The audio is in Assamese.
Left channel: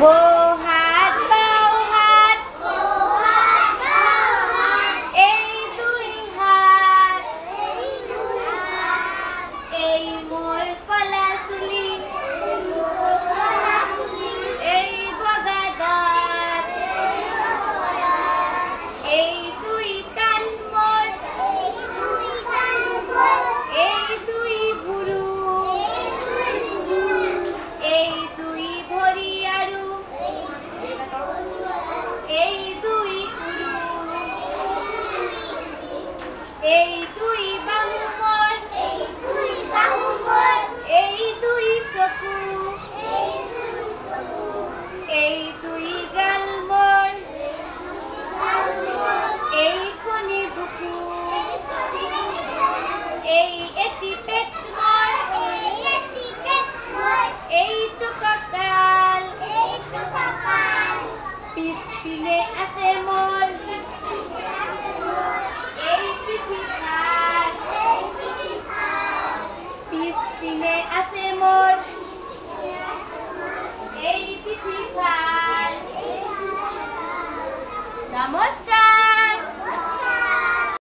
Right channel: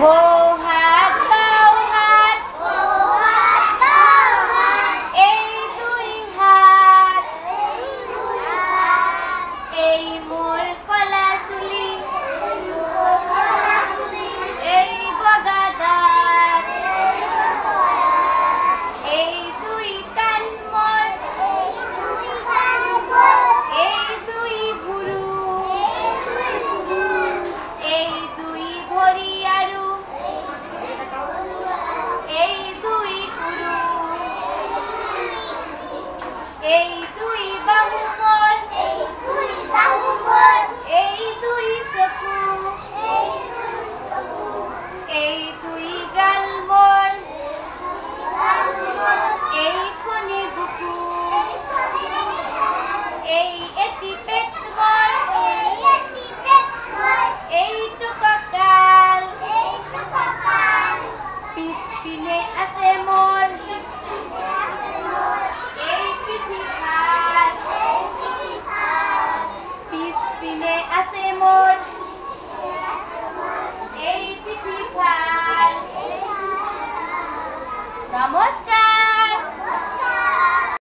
হাত বাও হাত এই দুই হাত এই মোর কলা চুলি এই বগা দাঁত এই দুই কাণ মোর এই দুই ভুৰু এই দুই ভৰি আৰু এই দুই উৰু এই দুই বাহু মোর এই দুই চকু এই দুই গাল মোর এই খনি বুকু এই এটি পেট মোর এইটো কঁকাল পিছপিনে আছে মোর এই পিঠি ফাল পিছপিনে আছে মোর এই পিঠি ফাল। নমস্কাৰ।